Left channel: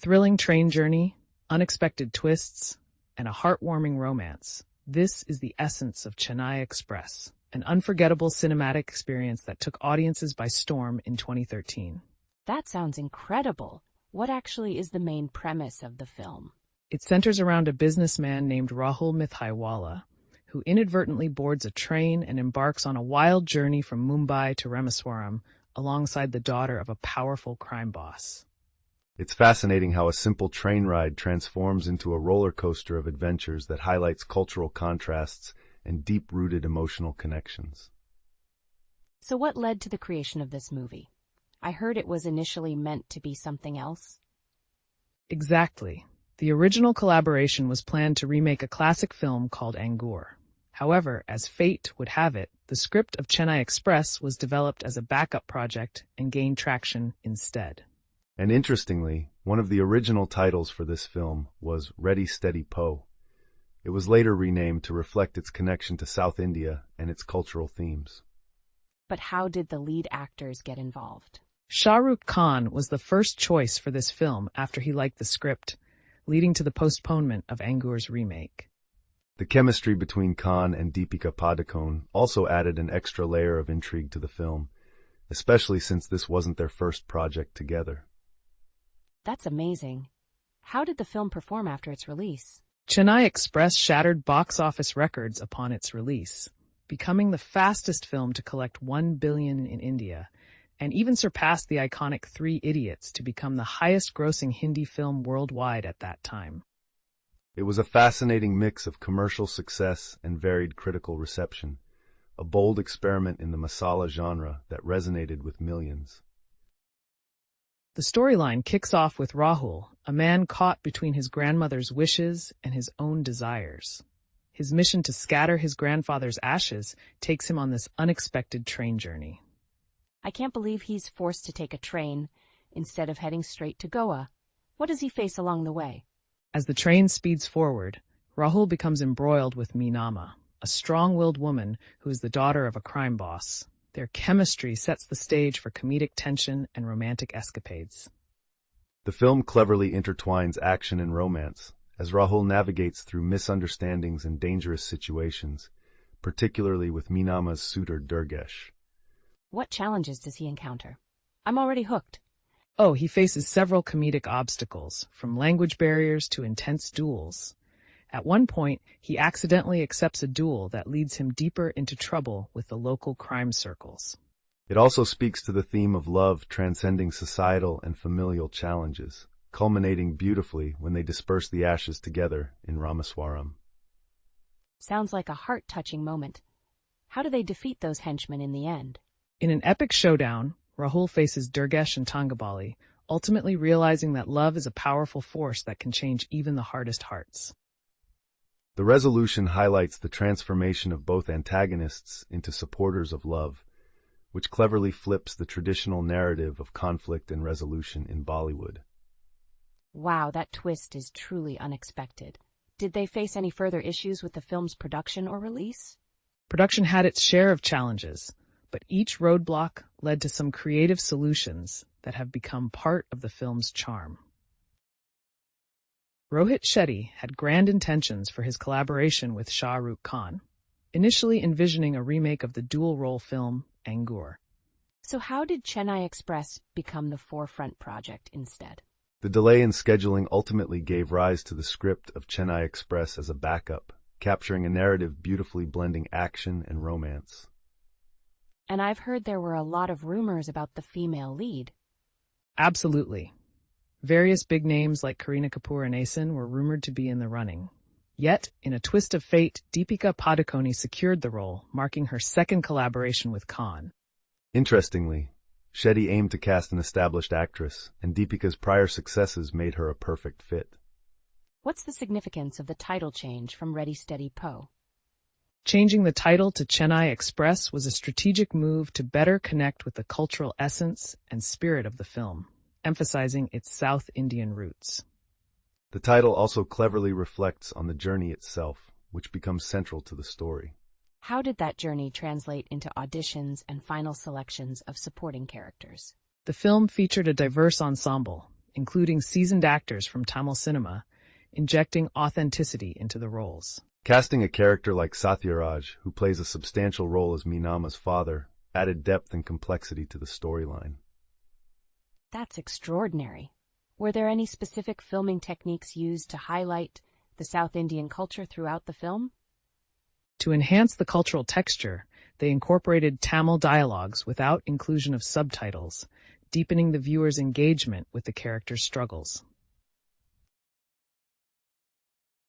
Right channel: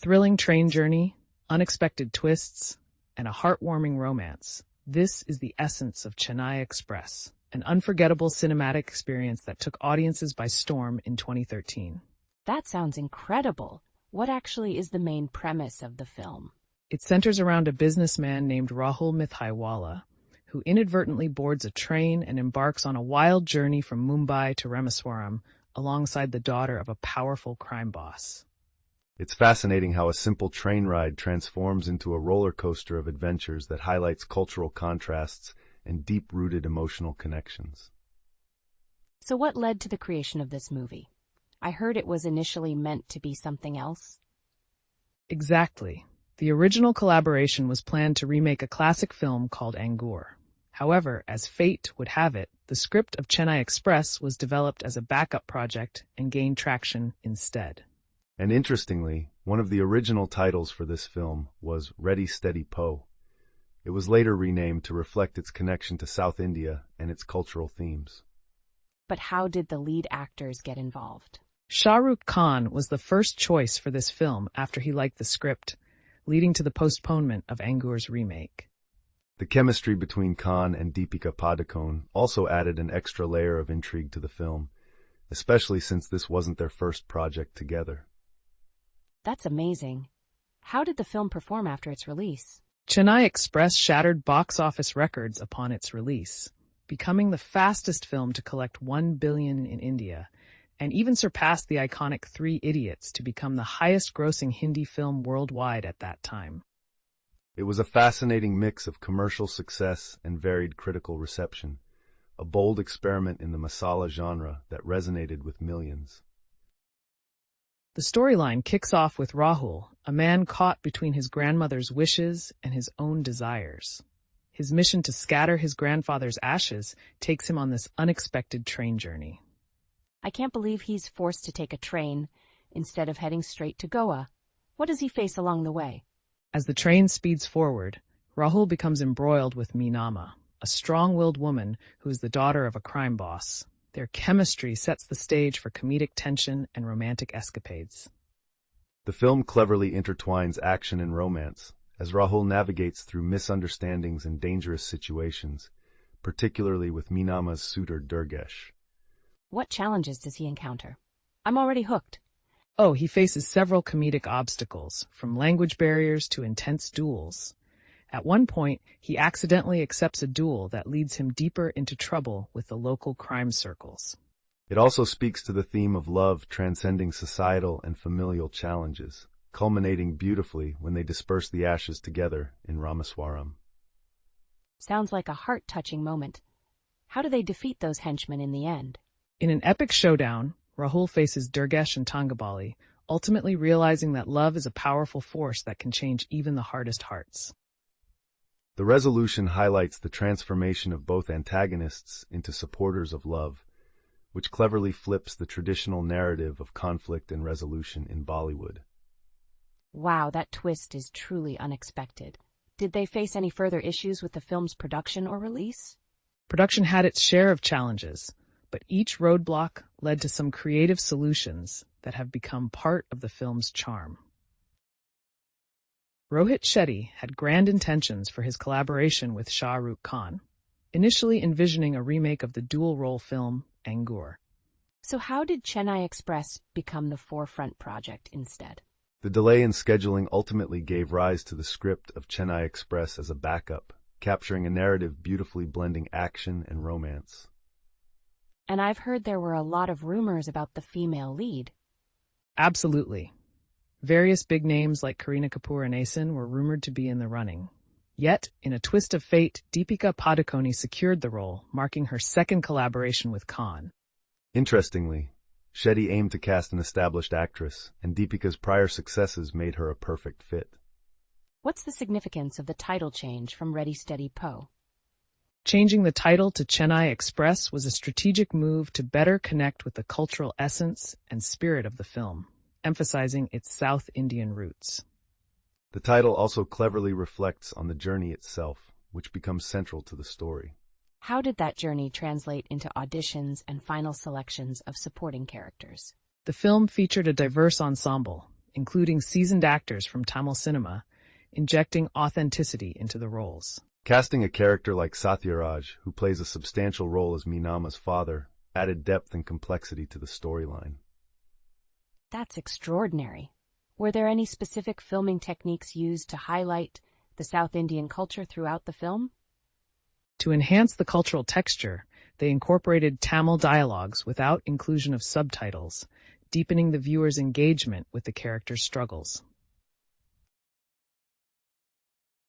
thrilling train journey, unexpected twists, and a heartwarming romance. This is the essence of Chennai Express, an unforgettable cinematic experience that took audiences by storm in 2013. That sounds incredible. What actually is the main premise of the film? It centers around a businessman named Rahul Mithaiwala, who inadvertently boards a train and embarks on a wild journey from Mumbai to Rameswaram alongside the daughter of a powerful crime boss. It's fascinating how a simple train ride transforms into a roller coaster of adventures that highlights cultural contrasts and deep-rooted emotional connections. So what led to the creation of this movie? I heard it was initially meant to be something else. Exactly. The original collaboration was planned to remake a classic film called Angoor. However, as fate would have it, the script of Chennai Express was developed as a backup project and gained traction instead. And interestingly, one of the original titles for this film was Ready Steady Po. It was later renamed to reflect its connection to South India and its cultural themes. But how did the lead actors get involved? Shah Rukh Khan was the first choice for this film after he liked the script, leading to the postponement of Angoor's remake. The chemistry between Khan and Deepika Padukone also added an extra layer of intrigue to the film, especially since this wasn't their first project together. That's amazing. How did the film perform after its release? Chennai Express shattered box office records upon its release, becoming the fastest film to collect $1 billion in India, and even surpassed the iconic Three Idiots to become the highest-grossing Hindi film worldwide at that time. It was a fascinating mix of commercial success and varied critical reception, a bold experiment in the masala genre that resonated with millions. The storyline kicks off with Rahul, a man caught between his grandmother's wishes and his own desires. His mission to scatter his grandfather's ashes takes him on this unexpected train journey. I can't believe he's forced to take a train instead of heading straight to Goa. What does he face along the way? As the train speeds forward, Rahul becomes embroiled with Meenama, a strong-willed woman who is the daughter of a crime boss. Their chemistry sets the stage for comedic tension and romantic escapades. The film cleverly intertwines action and romance, as Rahul navigates through misunderstandings and dangerous situations, particularly with Meenama's suitor Durgesh. What challenges does he encounter? I'm already hooked. Oh, he faces several comedic obstacles, from language barriers to intense duels. At one point, he accidentally accepts a duel that leads him deeper into trouble with the local crime circles. It also speaks to the theme of love transcending societal and familial challenges, culminating beautifully when they disperse the ashes together in Rameswaram. Sounds like a heart-touching moment. How do they defeat those henchmen in the end? In an epic showdown, Rahul faces Durgesh and Tangabali, ultimately realizing that love is a powerful force that can change even the hardest hearts. The resolution highlights the transformation of both antagonists into supporters of love, which cleverly flips the traditional narrative of conflict and resolution in Bollywood. Wow, that twist is truly unexpected. Did they face any further issues with the film's production or release? Production had its share of challenges, but each roadblock led to some creative solutions that have become part of the film's charm. Rohit Shetty had grand intentions for his collaboration with Shah Rukh Khan, initially envisioning a remake of the dual-role film Angoor. So how did Chennai Express become the forefront project instead? The delay in scheduling ultimately gave rise to the script of Chennai Express as a backup, capturing a narrative beautifully blending action and romance. And I've heard there were a lot of rumors about the female lead. Absolutely. Various big names like Kareena Kapoor and Asen were rumored to be in the running. Yet, in a twist of fate, Deepika Padukone secured the role, marking her second collaboration with Khan. Interestingly, Shetty aimed to cast an established actress, and Deepika's prior successes made her a perfect fit. What's the significance of the title change from Ready Steady Po? Changing the title to Chennai Express was a strategic move to better connect with the cultural essence and spirit of the film, emphasizing its South Indian roots. The title also cleverly reflects on the journey itself, which becomes central to the story. How did that journey translate into auditions and final selections of supporting characters? The film featured a diverse ensemble, including seasoned actors from Tamil cinema, injecting authenticity into the roles. Casting a character like Sathyaraj, who plays a substantial role as Meenama's father, added depth and complexity to the storyline. That's extraordinary. Were there any specific filming techniques used to highlight the South Indian culture throughout the film? To enhance the cultural texture, they incorporated Tamil dialogues without inclusion of subtitles, deepening the viewer's engagement with the characters' struggles.